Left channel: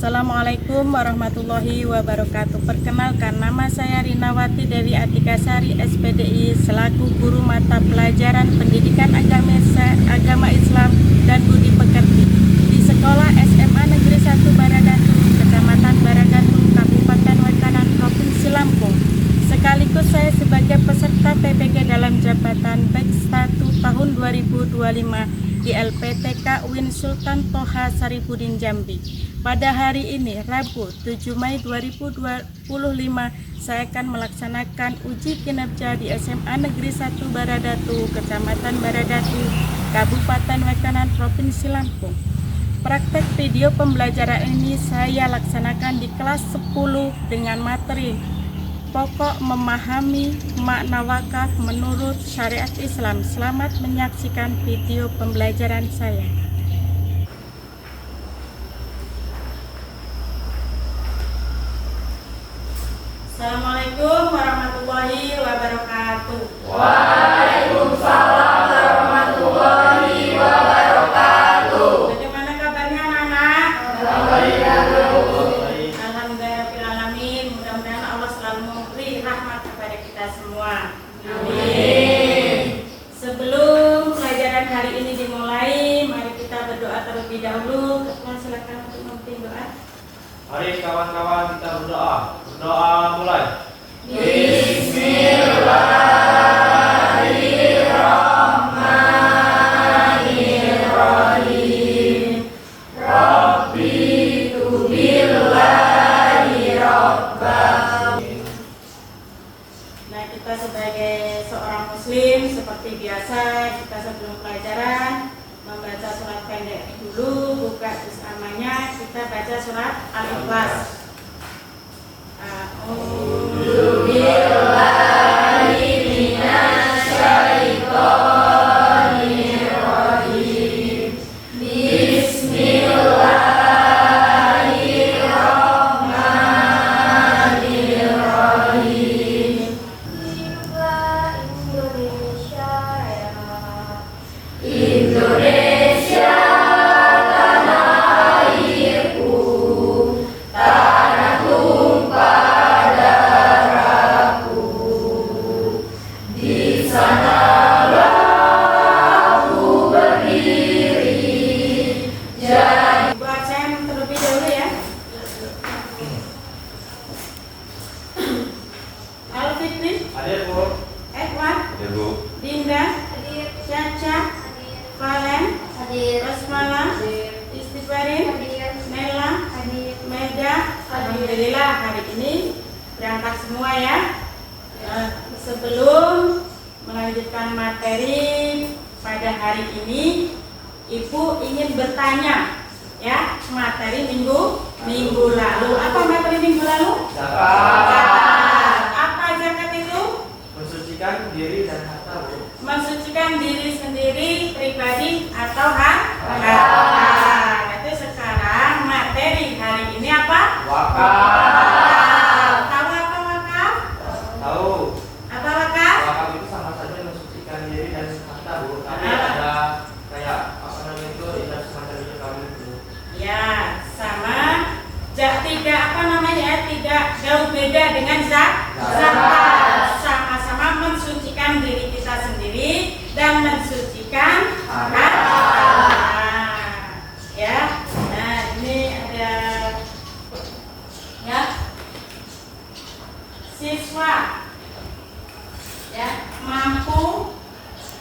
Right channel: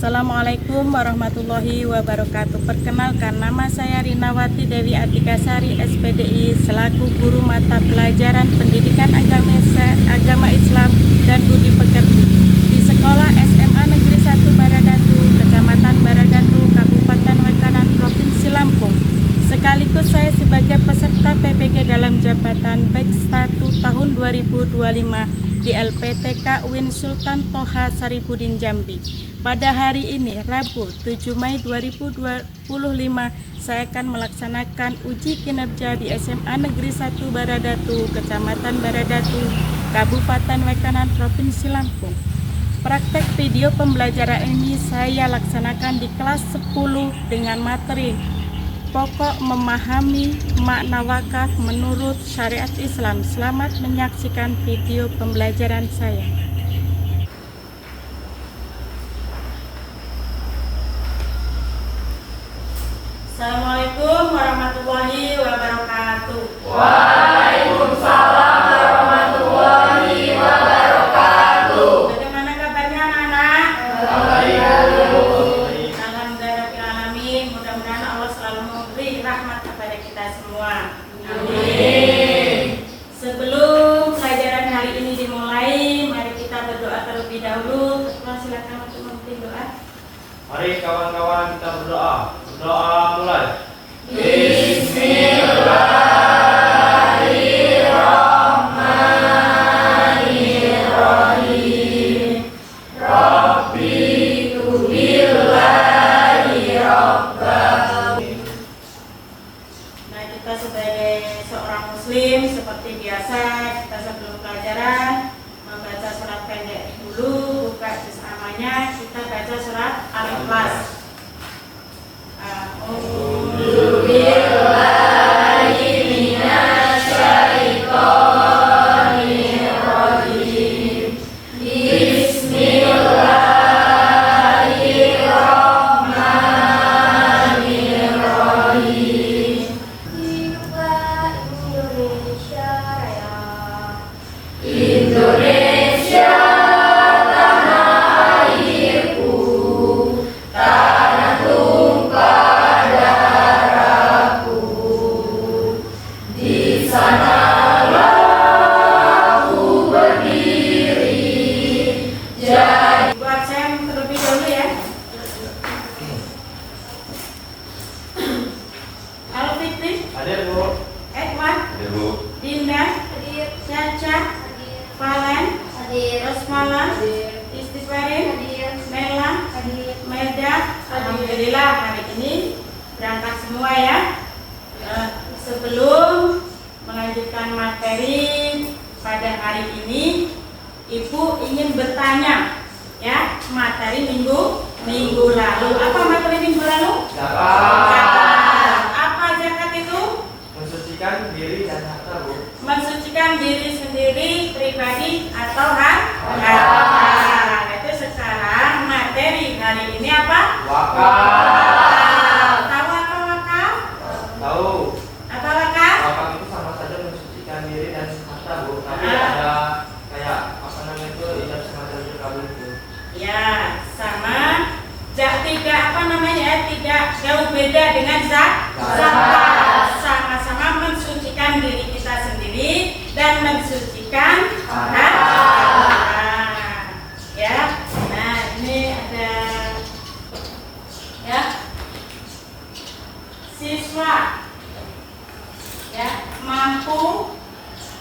Assalamualaikum warahmatullahi wabarakatuh. Perkenalkan, nama saya Rinawati Dewi Atikasari, SPDI, selaku guru mata pelajaran Pendidikan Agama Islam dan Budi Pekerti di Sekolah SMA Negeri 1 Baradatu, Kecamatan Baradatu, Kabupaten Wekanan, Provinsi Lampung. Sekaligus saya sebagai peserta PPG dalam jabatan Batch 1 tahun 2025 di LPTK UIN Sultan Toha Saripudin Jambi. Pada hari ini, Rabu 7 Mei 2025, saya akan melaksanakan uji kinerja di SMA Negeri 1 Baradatu, Kecamatan Baradatu, Kabupaten Wekanan, Provinsi Lampung. Praktek video pembelajaran ini saya laksanakan di kelas 10 dengan materi pokok memahami makna wakaf menurut syariat Islam. Selamat menyaksikan video pembelajaran saya. Assalamualaikum warahmatullahi wabarakatuh. Waalaikumsalam warahmatullahi wabarakatuh. Bagaimana kabarnya anak-anak? Alhamdulillahirrahmanirrahim. Mudah-mudahan Allah selalu memberi rahmat kepada kita semua. Amin. Sebelum pelajaran hari ini dimulai, mari kita berdoa terlebih dahulu. Silakan untuk memimpin doa. Mari kawan-kawan kita berdoa. Berdoa mulai. Bismillahirrahmanirrahim. Rabbi tubillahi rabbah. Nah, kita sebagai seorang muslim seperti biasa, kita sebelum pelajaran membaca surat pendek dulu, buka juz amanya, kita baca surat Al-Ikhlas. A'udzu billahi minasyaitonir rajim. Bismillahirrahmanirrahim. Hiduplah Indonesia Raya. Indonesia tanah airku, tanah tumpah darahku. Di sanalah aku berdiri. Jadi Ibu absen terlebih dahulu ya. Al-Fitri, Hadir Bu. Edwan, Hadir Bu. Dinda, Caca, Valen, Rosmala, Istighfarin, Nela, Meda. Alhamdulillah hari ini berangkat semua ya. Sebelum melanjutkan materi pada hari ini, Ibu ingin bertanya ya, materi minggu lalu. Apa materi minggu lalu? Zakat. Apa zakat itu? Mensucikan diri dan harta Bu. Mensucikan diri sendiri, pribadi atau harta. Itu sekarang materi hari ini apa? Wakaf. Tahu apa wakaf? Tahu. Apa wakaf? Wakaf itu sama saja mensucikan diri dan harta Bu. Tapi ada kayak apa namanya itu tidak semacam itu kali itu. Ya, sama. Tidak apa namanya? Tidak jauh beda dengan zakat. Sama-sama mensucikan diri kita sendiri dan mensucikan harta. Ya. Nah, ini ada ya. Siswa ya mampu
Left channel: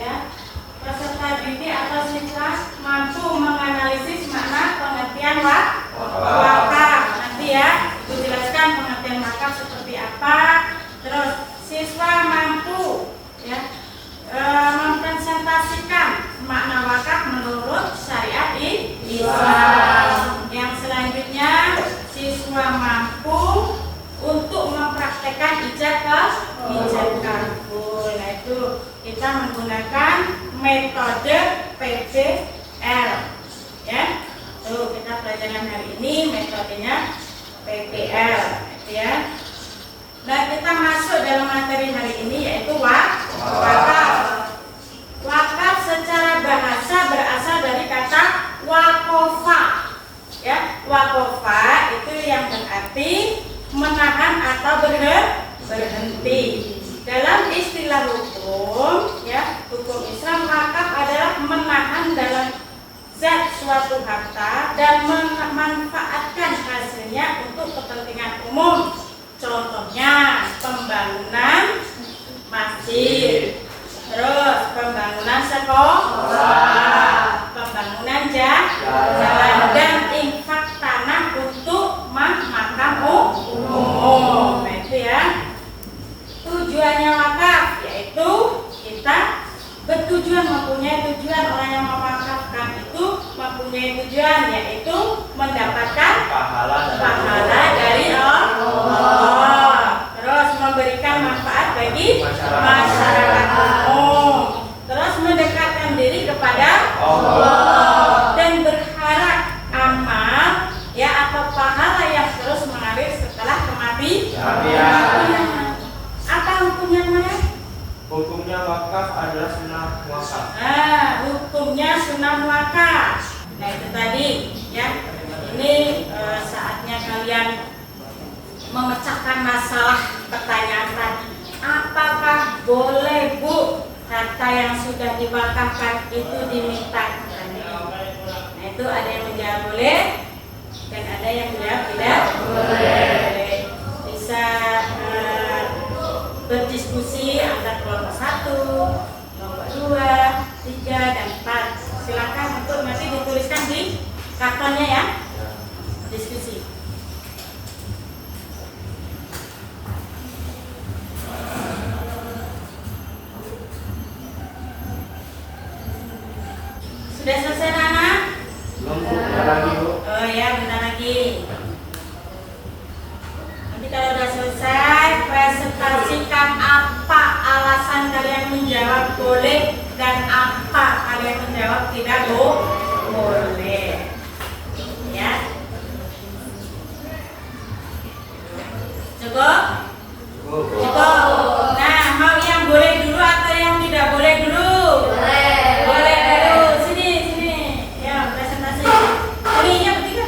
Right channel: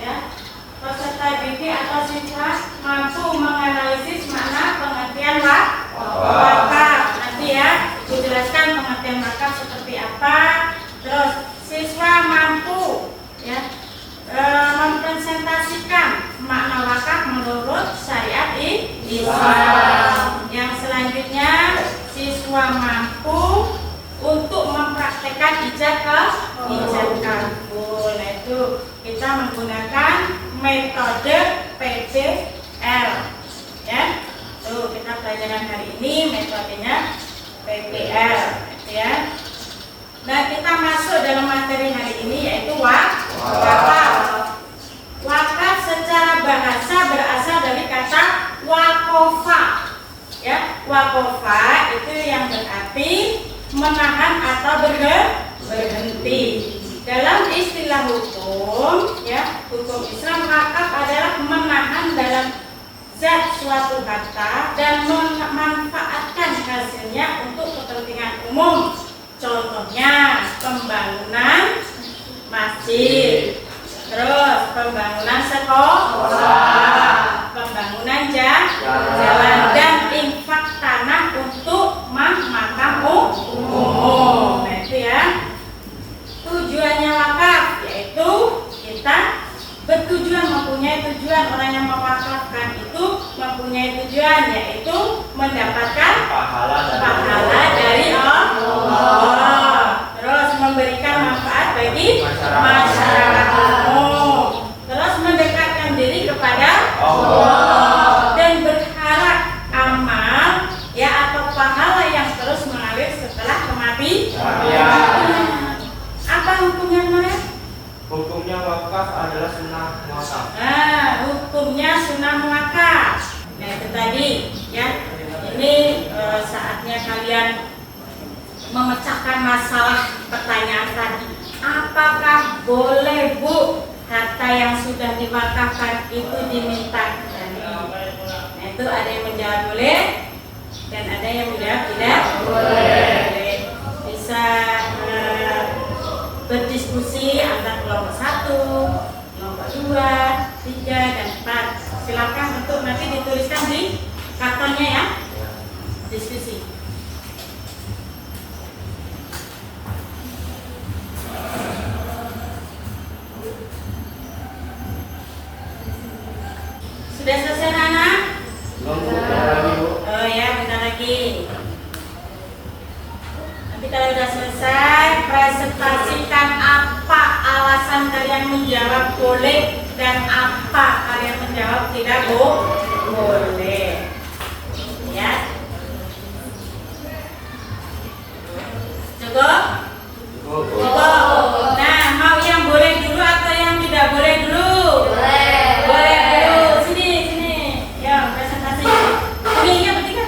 ya, peserta didik atau siswa mampu menganalisis makna pengertian wakaf. Nanti ya Ibu jelaskan pengertian wakaf seperti apa. Terus siswa mampu ya mempresentasikan makna wakaf menurut syariat Islam. Yang selanjutnya siswa mampu untuk mempraktekkan ijab kabul. Nah, itu kita menggunakan metode PBL ya. Tuh, kita pelajaran hari ini metodenya PBL itu ya. Nah, kita masuk dalam materi hari ini yaitu wakaf. Wakaf secara bahasa berasal dari kata wakofa. Ya, wakofa itu yang berarti menahan atau berhenti. Dalam istilah hukum, ya, hukum Islam, wakaf adalah menahan dalam zat suatu harta dan memanfaatkan hasilnya untuk kepentingan umum. Contohnya pembangunan masjid, terus pembangunan sekolah, pembangunan jalan, dan infak tanah untuk makam umum. Nah itu ya tujuannya wakaf, yaitu kita bertujuan, mempunyai tujuan. Orang yang mewakafkan itu mempunyai tujuan, yaitu mendapatkan pahala dari Allah, terus memberikan manfaat bagi masyarakat umum, terus mendekatkan diri kepada Allah, dan berharap amal ya atau pahala yang terus mengalir setelah kematian. Apa hukumnya mana? Hukumnya wakaf adalah sunnah wakaf. Hukumnya sunnah wakaf. Nah itu tadi ya. Ini saatnya kalian memecahkan masalah pertanyaan tadi. Apakah boleh Bu harta yang sudah diwakafkan itu diminta kembali? Nah itu ada yang menjawab boleh dan ada yang menjawab tidak boleh. Bisa berdiskusi antar kelompok 1, kelompok 2, 3, dan 4. Silakan untuk nanti dituliskan di kartonnya ya. Diskusi. Sudah selesai Nana? Belum, bentar lagi Bu. Oh ya, bentar lagi. Nanti kalau sudah selesai, presentasikan apa alasan kalian menjawab boleh dan apa kalian menjawab tidak boleh. Ya. Cukup? Cukup. Nah, mau yang boleh dulu atau yang tidak boleh dulu? Boleh dulu. Sini. Ya, presentasi. Ini yang ketiga.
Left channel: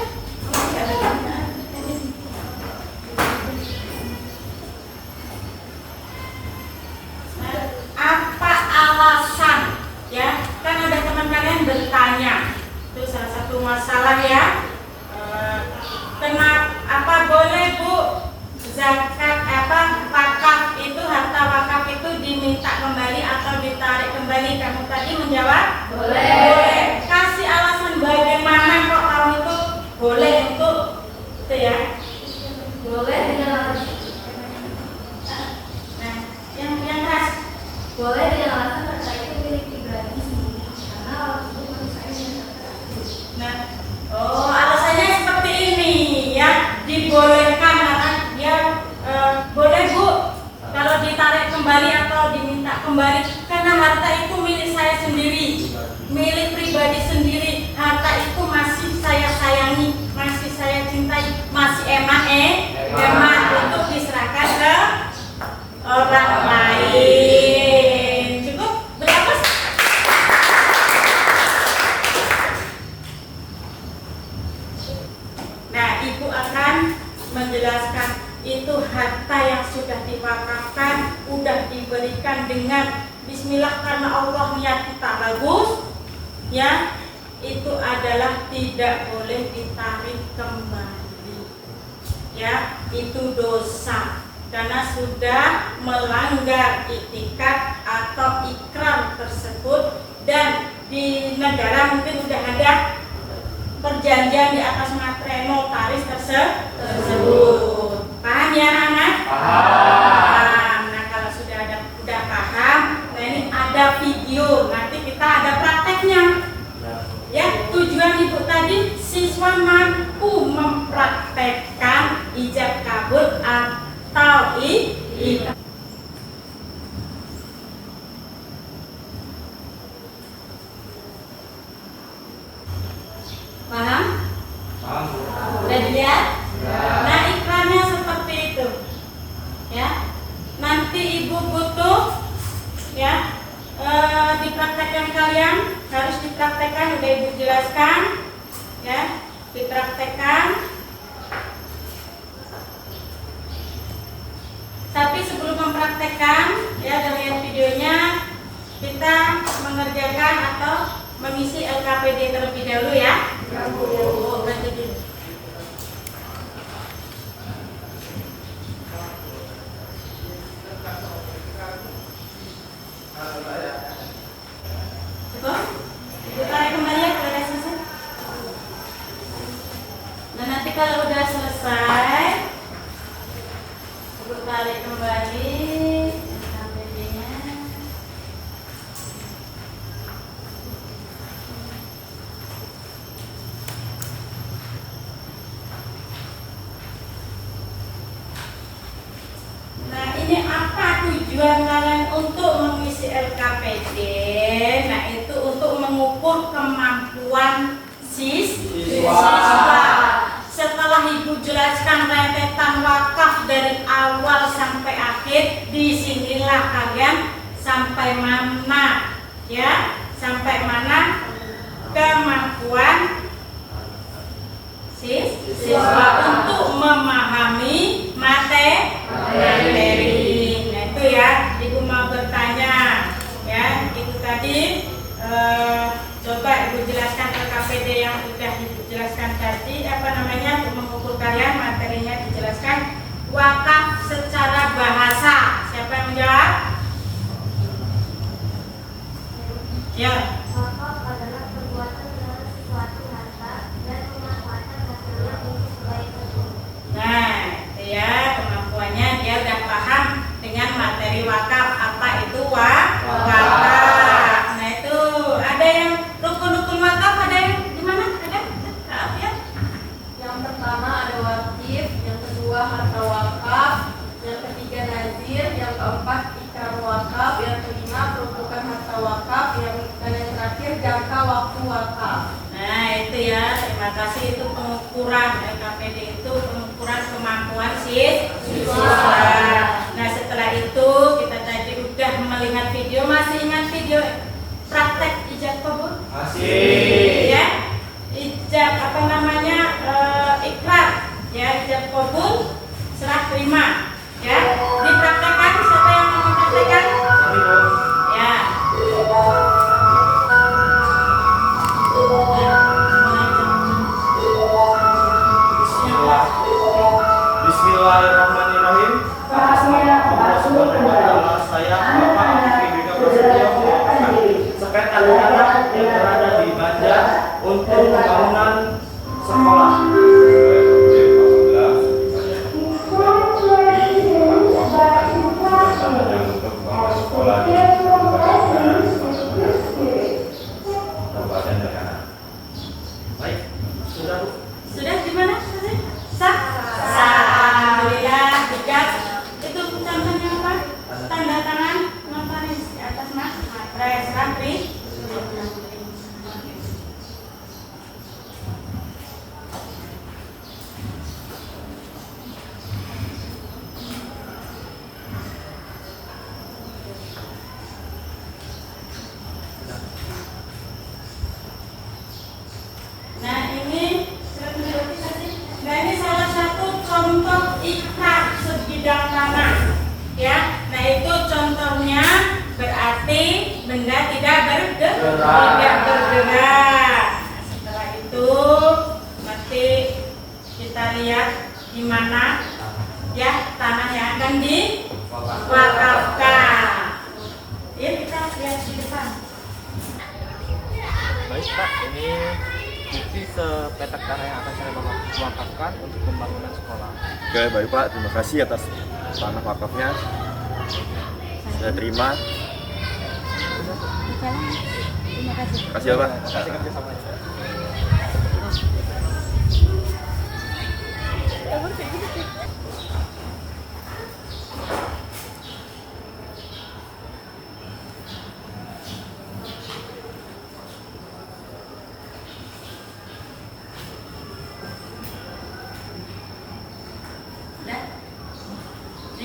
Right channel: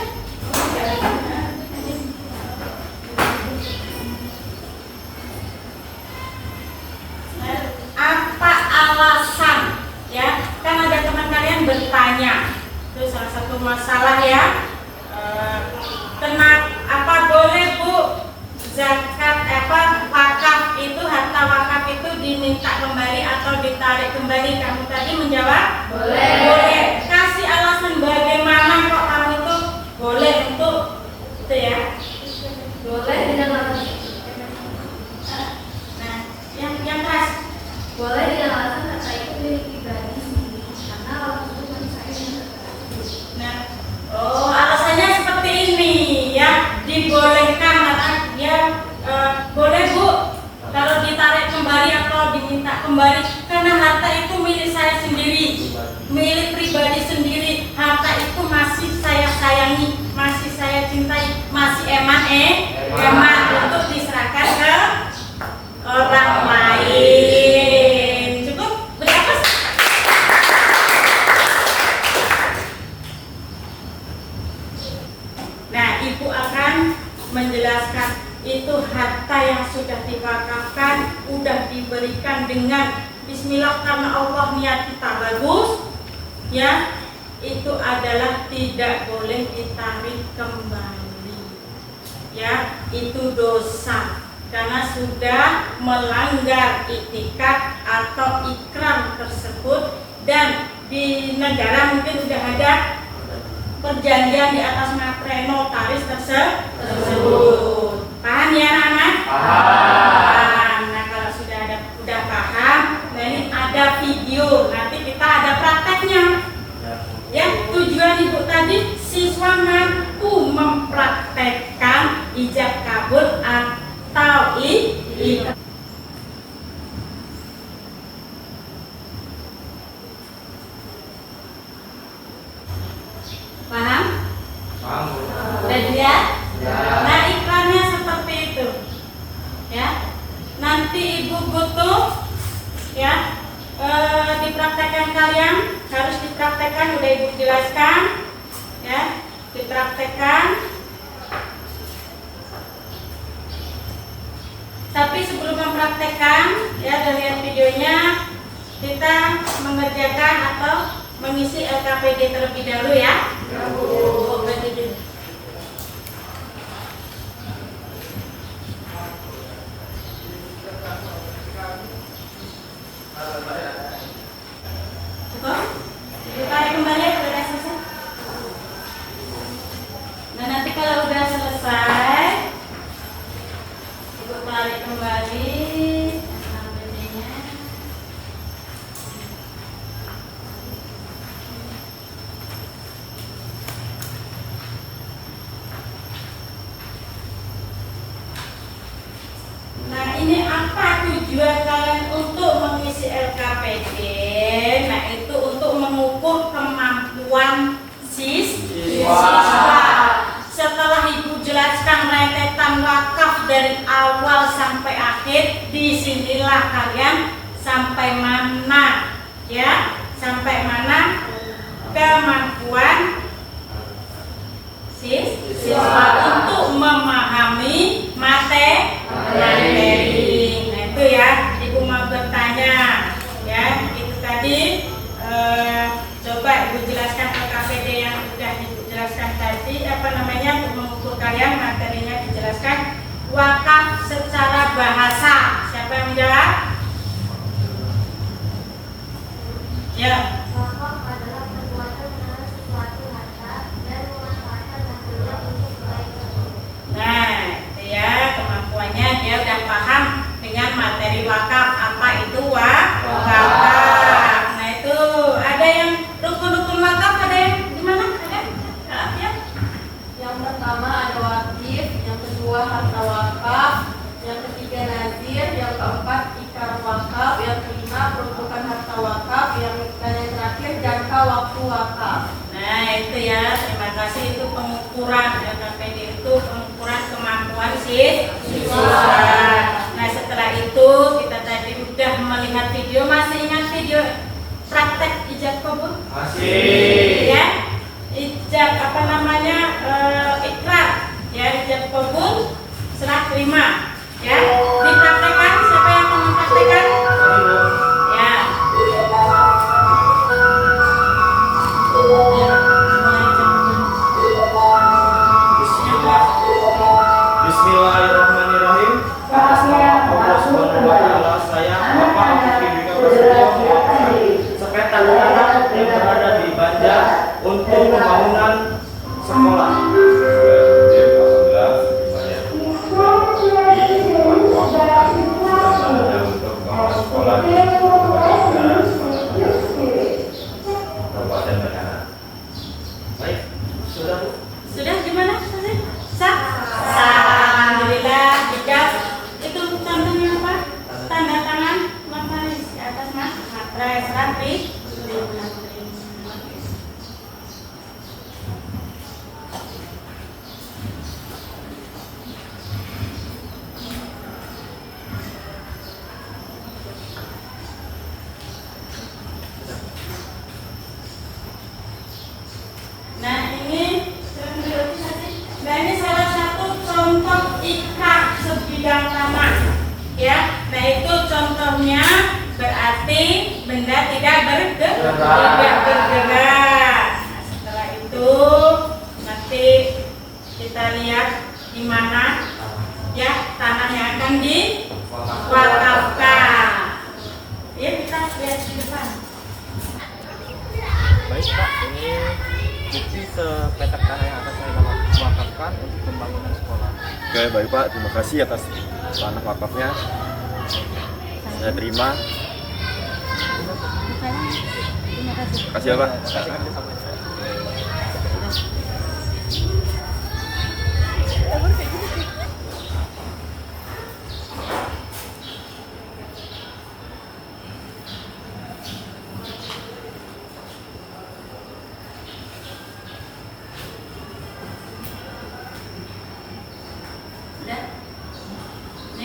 Apa alasan? Ya, kan ada teman kalian bertanya. Itu salah satu masalah ya. Kenapa apa boleh Bu zakat wakaf itu, harta wakaf itu diminta kembali atau ditarik kembali? Kamu tadi menjawab boleh. Kasih alasan bagaimana kok kamu itu boleh untuk itu ya. Boleh dengan alasan. Nah, yang keras. Boleh dengan alasan harta itu milik pribadi sendiri karena waktu itu masih saya yang terkait. Nah, alasannya seperti ini ya, dibolehkan karena ya boleh Bu kalau ditarik kembali atau diminta kembali karena harta itu milik saya sendiri, milik pribadi sendiri. Harta itu masih saya sayangi, masih saya cintai, masih emak untuk diserahkan ke orang lain. Cukup? Berapa? Nah, Ibu akan menjelaskan itu harta yang sudah diwakafkan, sudah diberikan dengan bismillah karena Allah niat kita bagus, ya, itu adalah tidak boleh ditarik kembali, ya, itu dosa karena sudah melanggar iktikad atau ikram tersebut dan di negara mungkin sudah ada perjanjian di atas materai notaris tersebut. Paham ya anak-anak? Paham. Nah kalau sudah paham, nah ini ada video, nanti kita ada prakteknya. Ya, tujuan Ibu tadi siswa mampu mempraktekkan ijab kabul atau paham? Paham Bu. Udah dilihat? Ya. Nah iklannya seperti itu ya. Nanti Ibu butuh ya dipraktekkan, kalian harus dipraktekkan, udah Ibu jelaskan ya. dipraktekkan. Tapi sebelum mempraktekkan, ya, dan lihat videonya, kita mengerjakan atau mengisi LKPD terlebih dahulu ya. Oh, berarti dulu. Cukup? Ditarik kembali ya kalau udah selesai. Nah, nanti kalau udah selesai, Ibu tarik kembali APD-nya. Nah, ini apa tujuan kalian untuk mengisi LKPD? Nah, itu untuk mengukur kemampuan siswa. Setelah Ibu jelaskan rentetan wakaf dari awal sampai akhir, disinilah kalian sampai mana, ya, sampai mana kemampuan siswa untuk memahami materi. Nah, itu ya, Ibu mau bertanya, ya, itu tadi. Coba Ibu jelaskan LKPD yang sudah Ibu jelaskan tadi, apa namanya, untuk mengukur kalian materinya dijelaskan. Wakaf secara bahasa, siapa yang menjawab? Ya. Wakaf adalah perbuatan dengan sesuatu harta dan memanfaatkan hasilnya untuk kebaikan umum. Nah, itu ya, kemampuannya dia udah paham dengan materi wakaf. Apa itu wakaf? Nah, itu ada yang rukun-rukun wakaf, ada yang gimana? Ada? Ya. Yang pertama ada wajib, yang kedua harta wakaf, yang ketiga nazir, yang keempat ikrar wakaf, yang kelima peruntukan harta wakaf, dan yang terakhir jangka waktu wakaf. Nah, itu ya, terima kasih. Itu pengukuran LKPD, itu pengukuran kemampuan siswa. Nah, setelah itu kita tadi udah melihat video. Masih ingat video praktek ijab kabul? Masih. Ya, ijab apa namanya, ikrar, ya, ijab kabul, serah terima, ya, dipraktekkan. Siapa yang mau mempraktekkan? Ya. Bismillahirrahmanirrahim. Atas nama Allah Subhanahu wa Ta'ala, saya Bapak Akifika Prasetyo sepeda tangan yang berada di Banjar untuk pembangunan sekolah. Baik, sudah Bu. Sudah gimana? Sah? Alhamdulillah. Jika itu tandanya apa? Tanda tangan notaris di atas mas. Matres rapi. Nah, ini salah satu contoh ikrar sebidang tanah, ya. Nah, itu contohnya berarti benda tidak bergerak. Nah, setelah itu nanti kita lihat di mana, ya, tanah yang akan diwakafkan. Ya, kita lihat di depan. Baik Pak, ini bukti sepetak tanah yang akan saya wakafkan untuk pembangunan sekolah. Oke, baik Pak, terima kasih atas tanah wakafnya. Saya terima. Terima kasih. Terima kasih ya Pak. Terima kasih kerjasamanya.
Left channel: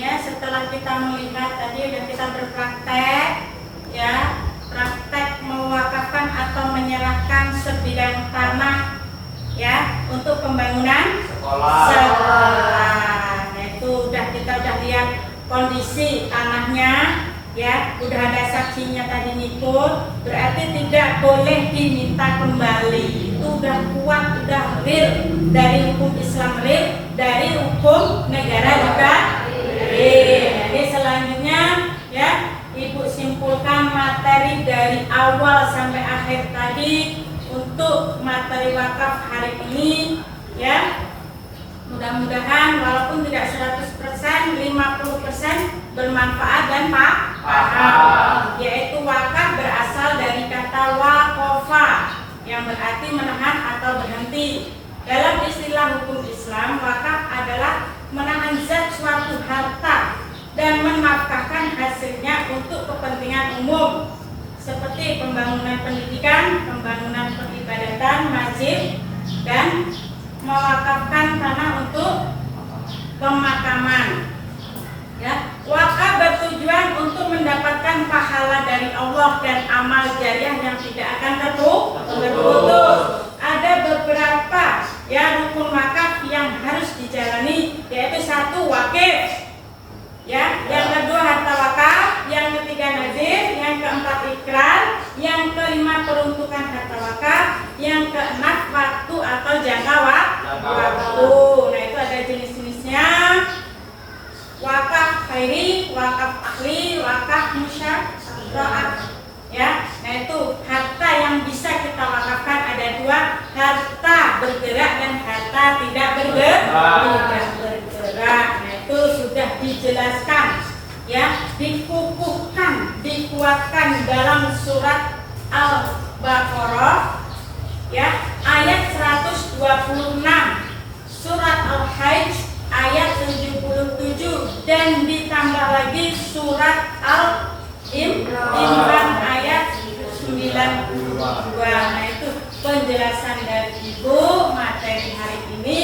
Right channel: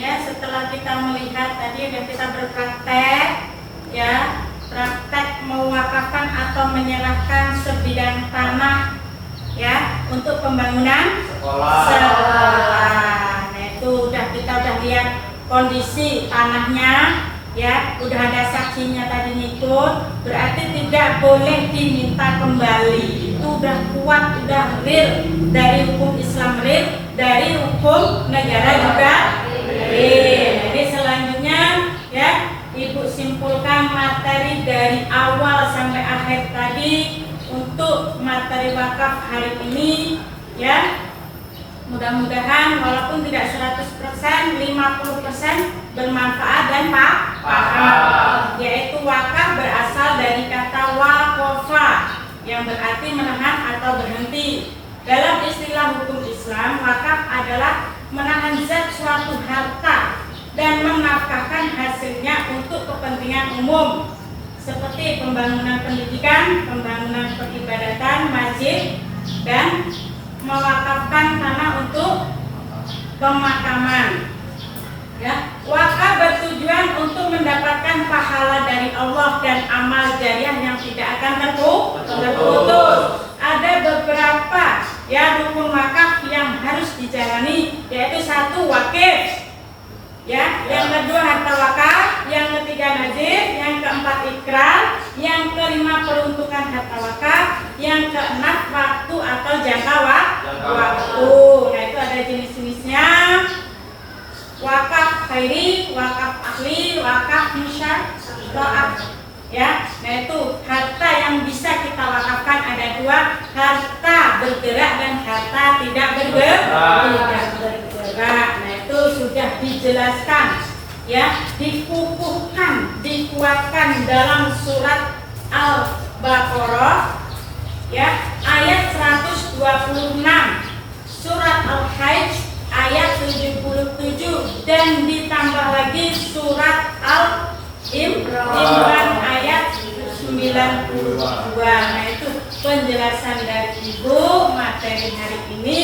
Ya, setelah kita melihat tadi dan kita berpraktek, ya, praktek mewakafkan atau menyerahkan sebidang tanah, ya, untuk pembangunan sekolah. Nah itu kita udah lihat kondisi tanahnya, ya, udah ada saksinya tadi ngikut, berarti tidak boleh diminta kembali. Itu udah kuat, udah real dari hukum Islam, real dari hukum negara juga real. Jadi selanjutnya, ya, Ibu simpulkan materi dari awal sampai akhir tadi untuk materi wakaf hari ini, ya. Mudah-mudahan walaupun tidak 100%, 50% bermanfaat dan paham. Yaitu wakaf berasal dari kata waqafa yang berarti menahan atau berhenti. Dalam istilah hukum Islam, wakaf adalah menahan zat suatu harta dan menafkahkan hasilnya untuk kepentingan umum seperti pembangunan pendidikan, pembangunan peribadatan, masjid, dan mewakafkan tanah untuk pemakaman. Ya, wakaf bertujuan untuk mendapatkan pahala dari Allah dan amal jariah yang tidak akan terputus. Ada beberapa rukun wakaf yang harus dijalani, yaitu 1 wakif, ya, yang kedua harta wakaf, yang ketiga nazir, yang keempat ikrar, yang kelima peruntukan harta wakaf, yang keenam waktu atau jangka waktu. Nah itu ada jenis-jenisnya: wakaf khairi, wakaf akli, wakaf musyara'ah. Ya, nah itu harta yang bisa kita wakafkan ada 2, harta bergerak dan harta tidak bergerak. Nah itu sudah dijelaskan, ya, dikukuhkan, dikuatkan dalam surat Al-Baqarah, ya, ayat 126, surat Al-Hajj ayat 77, dan ditambah lagi surat Al-Imran ayat 92. Nah itu penjelasan dari Ibu materi hari ini,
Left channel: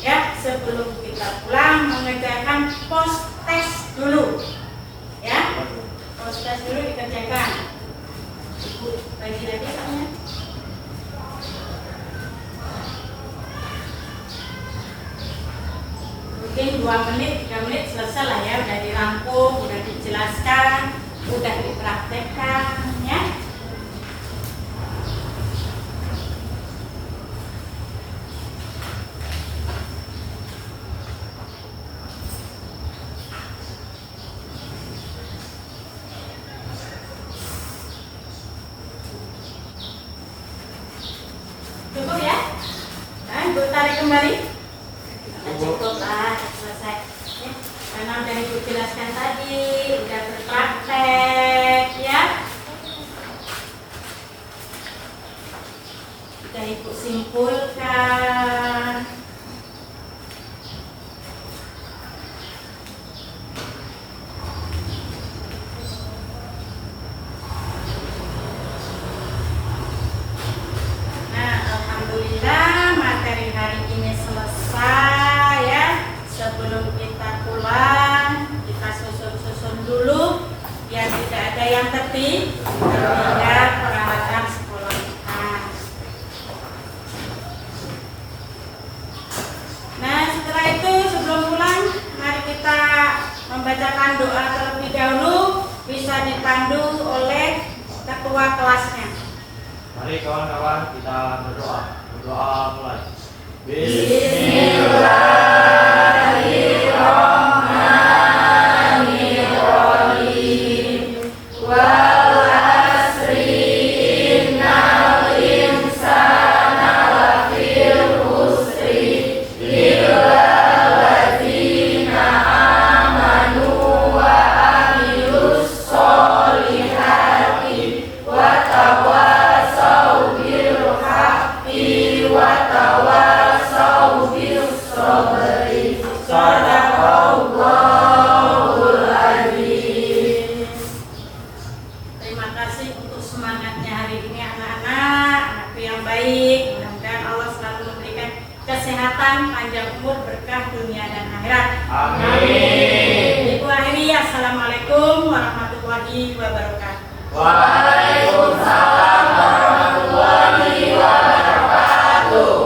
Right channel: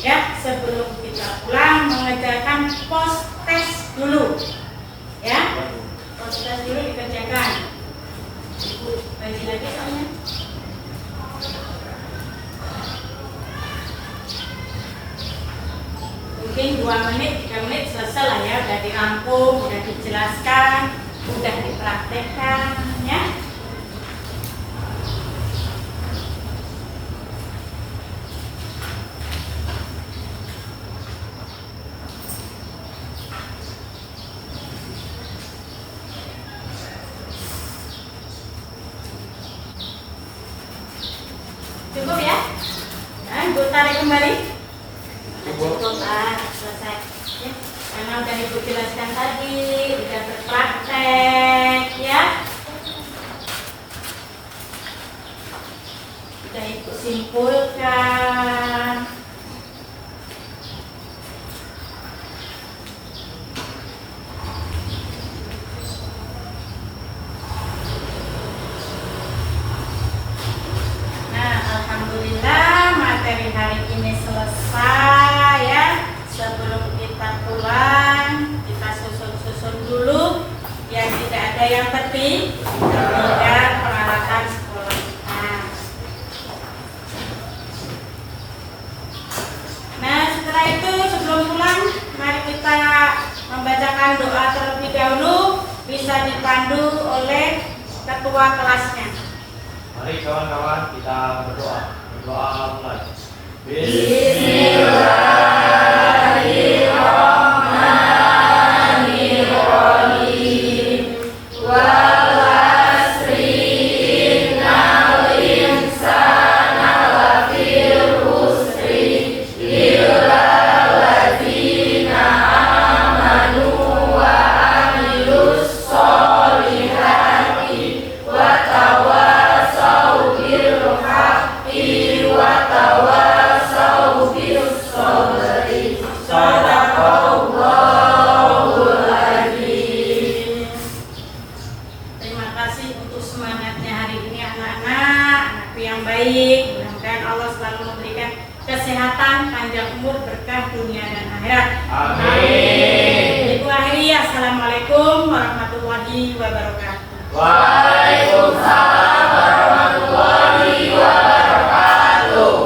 ya. Sebelum kita pulang mengerjakan post test dulu, ya, post test dulu dikerjakan. Ibu bagi lagi soalnya. Mungkin 2 menit, 3 menit selesai lah, ya, udah dirampung, udah dijelaskan, udah dipraktekkan, ya. Cukup, ya? Dan Ibu tarik kembali. Cukup, selesai, ya. Karena udah Ibu jelaskan tadi, udah berpraktek, ya. Udah Ibu simpulkan. Nah, alhamdulillah materi hari ini selesai, ya. Sebelum kita pulang, kita susun dulu biar tidak ada yang tertinggal peralatan sekolah kita. Nah, setelah itu sebelum pulang, mari kita membacakan doa terlebih dahulu, bisa dipandu oleh ketua kelasnya. Mari kawan-kawan kita berdoa. Berdoa mulai. Bismillahirrahmanirrahim. Wal asri innal insana lafil khusri illa alladzina amanu wa amilus solihati wa tawasau bil haqqi wa tawasau bis sabri. Sadaqallahul azim. Terima kasih untuk semangatnya hari ini anak-anak, anakku yang baik. Mudah-mudahan Allah selalu memberikan kesehatan, panjang umur, berkah dunia dan akhirat. Amin. Ibu akhiri, assalamualaikum warahmatullahi wabarakatuh. Waalaikumsalam warahmatullahi wabarakatuh.